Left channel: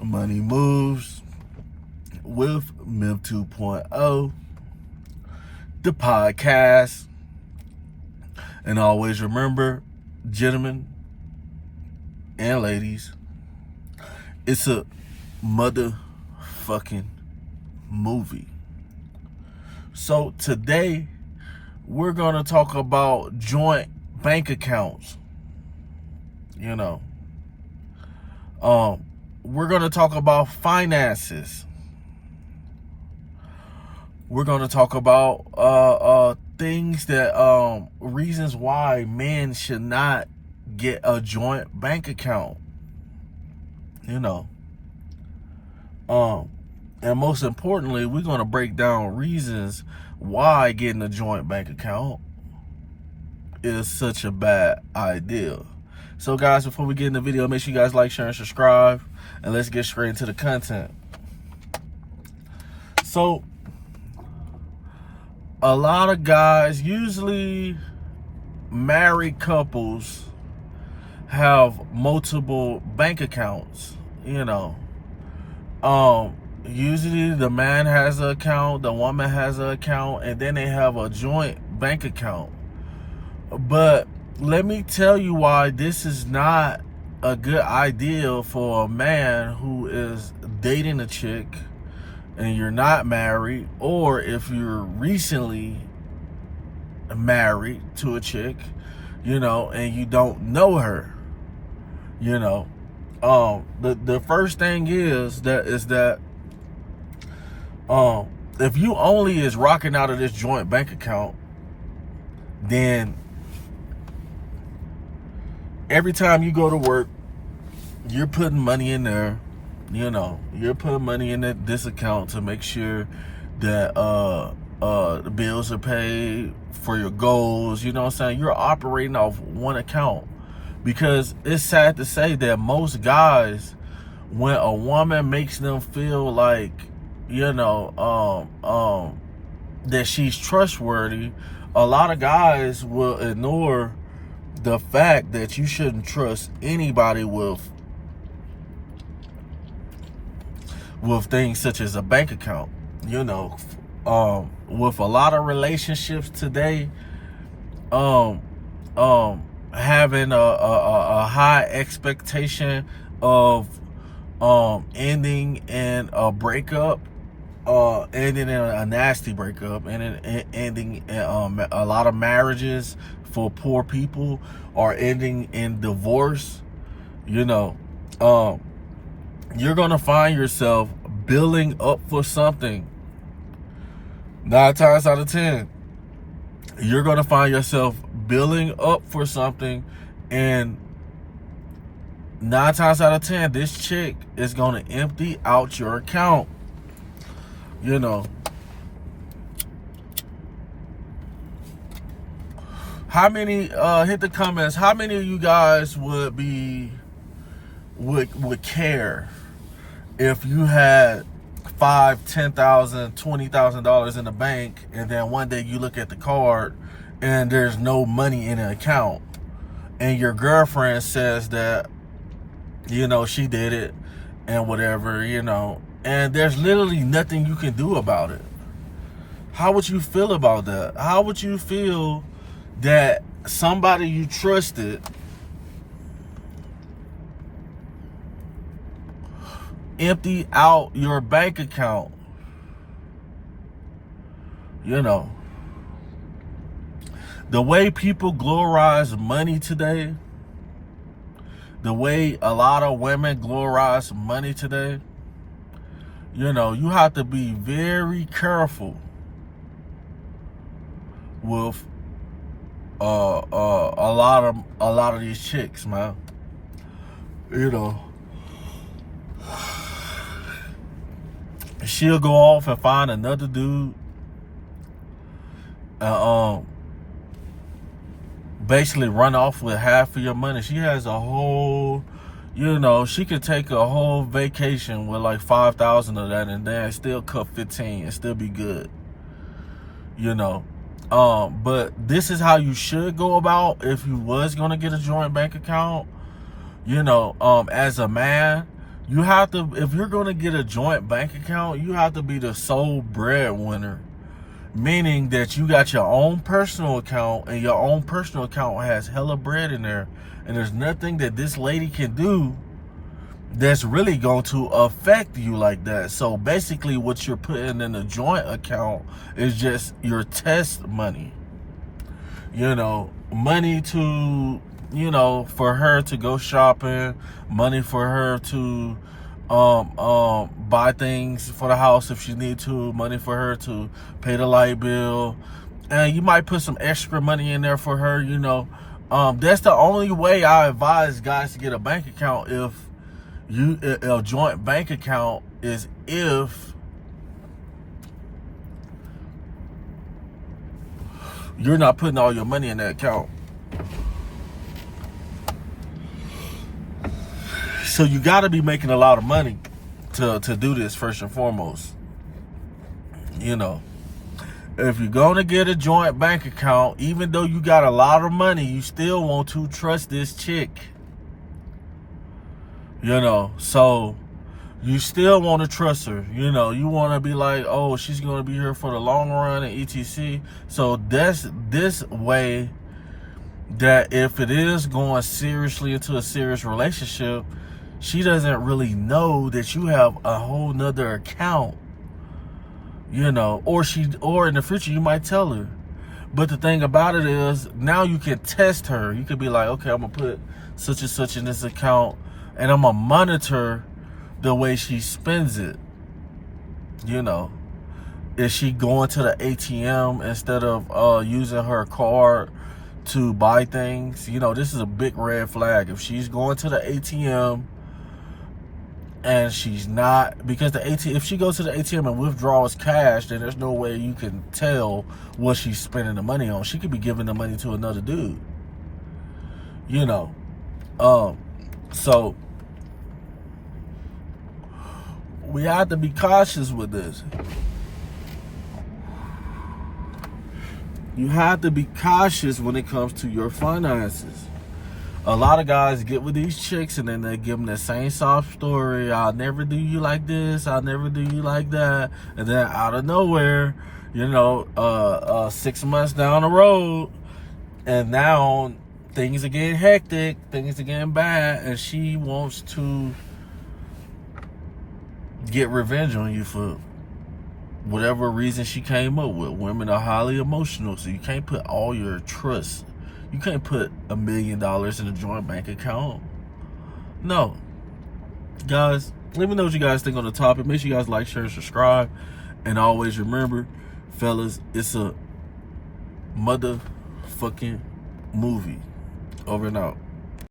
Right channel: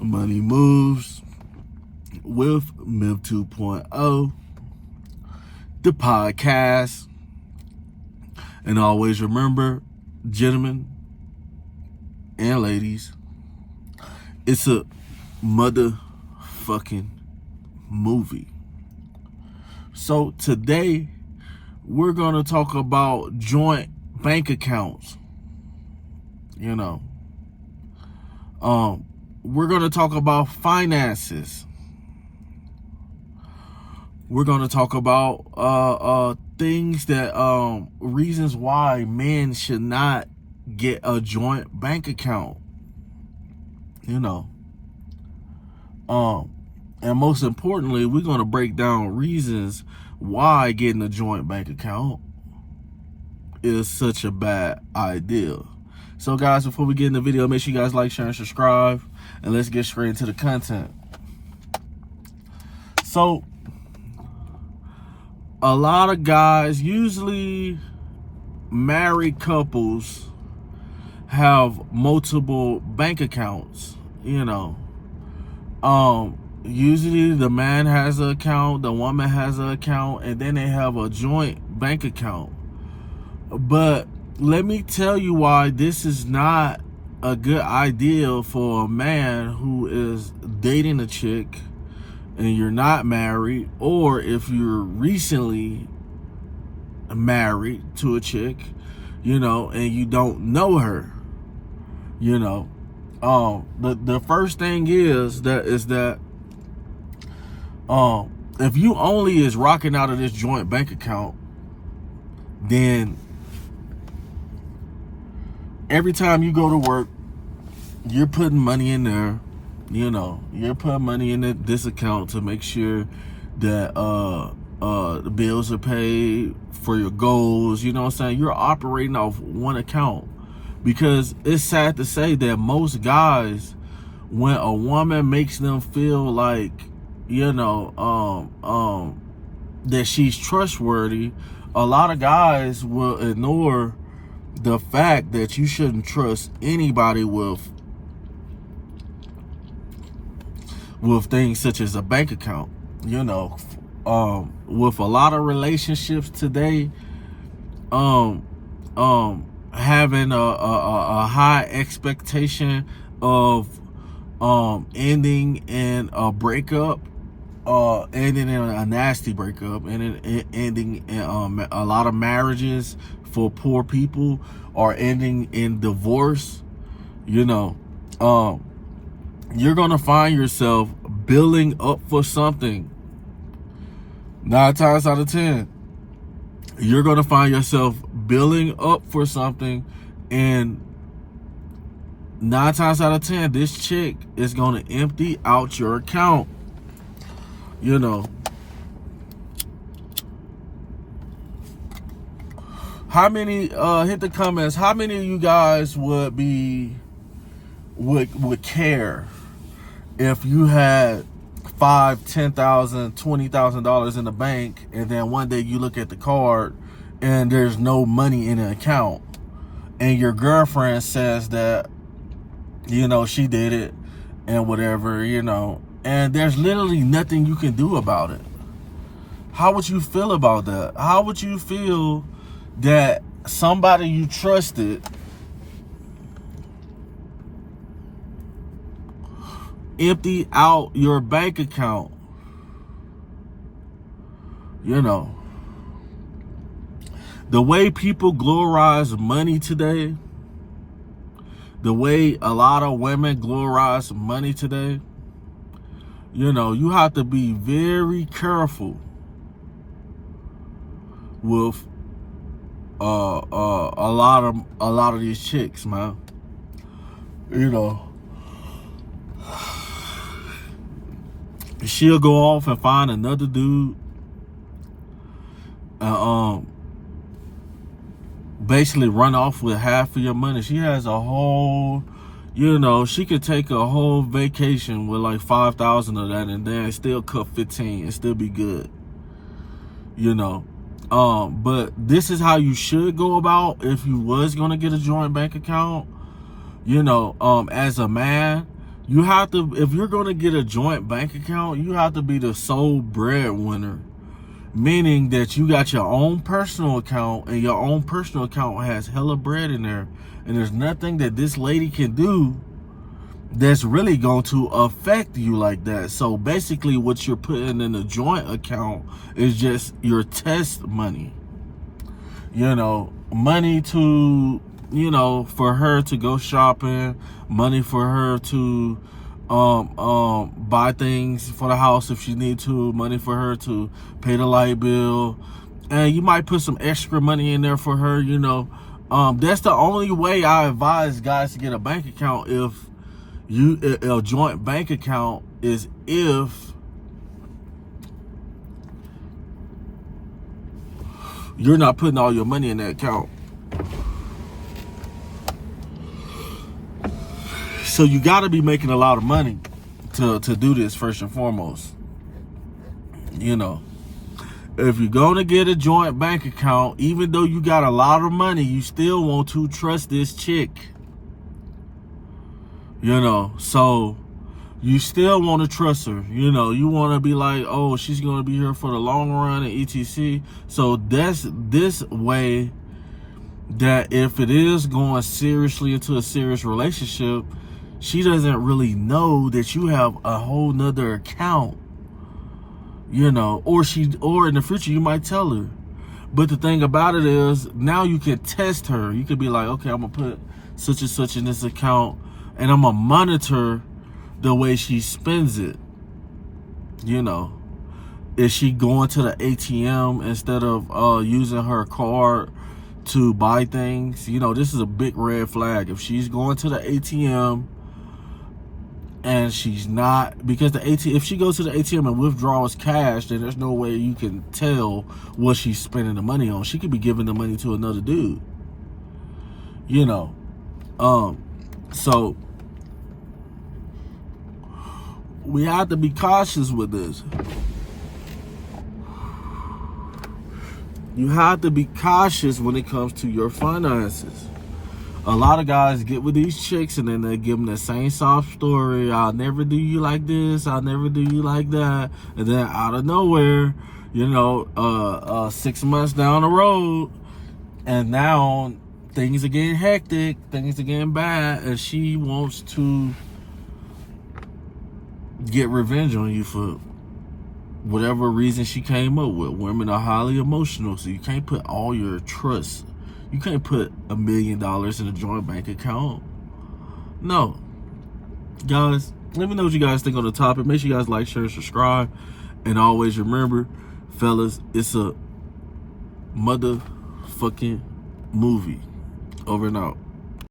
Money Moves with MIV 2.0, the podcast. And always remember, gentlemen and ladies, it's a motherfucking movie. So today, we're going to talk about joint bank accounts. We're going to talk about finances. We're going to talk about things that reasons why men should not get a joint bank account. And most importantly, we're going to break down reasons why getting a joint bank account is such a bad idea. So guys, before we get in the video, make sure you guys like, share, and subscribe, and let's get straight into the content. So, a lot of guys, usually married couples, have multiple bank accounts. Usually the man has an account, the woman has an account, and then they have a joint bank account. But let me tell you why this is not a good idea for a man who is dating a chick and you're not married, or if you're recently married to a chick, and you don't know her. The first thing is that if you only is rocking out of this joint bank account, then every time you go to work, you're putting money in there. You're putting money in this account to make sure that the bills are paid for your goals. You know what I'm saying? You're operating off one account, because it's sad to say that most guys, when a woman makes them feel like, that she's trustworthy, a lot of guys will ignore the fact that you shouldn't trust anybody with things such as a bank account. With a lot of relationships today, having a high expectation of ending in a breakup, ending in a nasty breakup, and ending a lot of marriages for poor people are ending in divorce. You're gonna find yourself billing up for something. 9 times out of 10, you're gonna find yourself billing up for something, and 9 times out of 10, this chick is gonna empty out your account. How many, hit the comments, how many of you guys would care if you had $5,000, $10,000, $20,000 in the bank, and then one day you look at the card and there's no money in the account, and your girlfriend says that she did it and whatever, and there's literally nothing you can do about it? How would you feel about that? How would you feel that somebody you trusted empty out your bank account? The way people glorize money today, the way a lot of women glorize money today, you have to be very careful with a lot of these chicks, man. She'll go off and find another dude, basically run off with half of your money. She has a whole, she could take a whole vacation with like 5,000 of that, and then still cut 15 and still be good. But this is how you should go about if you was gonna get a joint bank account. As a man, You have to, if you're going to get a joint bank account, you have to be the sole breadwinner. Meaning that you got your own personal account, and your own personal account has hella bread in there. And there's nothing that this lady can do that's really going to affect you like that. So basically what you're putting in a joint account is just your test money. You know, money to, you know, for her to go shopping, money for her to buy things for the house if she need to, money for her to pay the light bill, and you might put some extra money in there for her, you know. That's the only way I advise guys to get a bank account. If you, a joint bank account is if you're not putting all your money in that account. So you got to be making a lot of money to do this, first and foremost. You know, if you're going to get a joint bank account, even though you got a lot of money, you still want to trust this chick. You know, so you still want to trust her. You know, you want to be like, oh, she's going to be here for the long run and etc. So that's this way that if it is going seriously into a serious relationship, she doesn't really know that you have a whole nother account, you know, or in the future you might tell her. But the thing about it is, now you can test her. You could be like, okay, I'm gonna put such and such in this account, and I'm gonna monitor the way she spends it. You know, is she going to the ATM instead of using her card to buy things? You know, this is a big red flag. If she's going to the ATM and she's not, because the ATM, if she goes to the ATM and withdraws cash, then there's no way you can tell what she's spending the money on. She could be giving the money to another dude, you know. So we have to be cautious with this. You have to be cautious when it comes to your finances. A lot of guys get with these chicks and then they give them the same sob story. I'll never do you like this. I'll never do you like that. And then out of nowhere, you know, 6 months down the road, and now things are getting hectic, things are getting bad, and she wants to get revenge on you for whatever reason she came up with. Women are highly emotional, so you can't put all your trust. You can't put $1 million in a joint bank account. No. Guys, let me know what you guys think on the topic. Make sure you guys like, share, and subscribe. And always remember, fellas, it's a motherfucking movie. Over and out.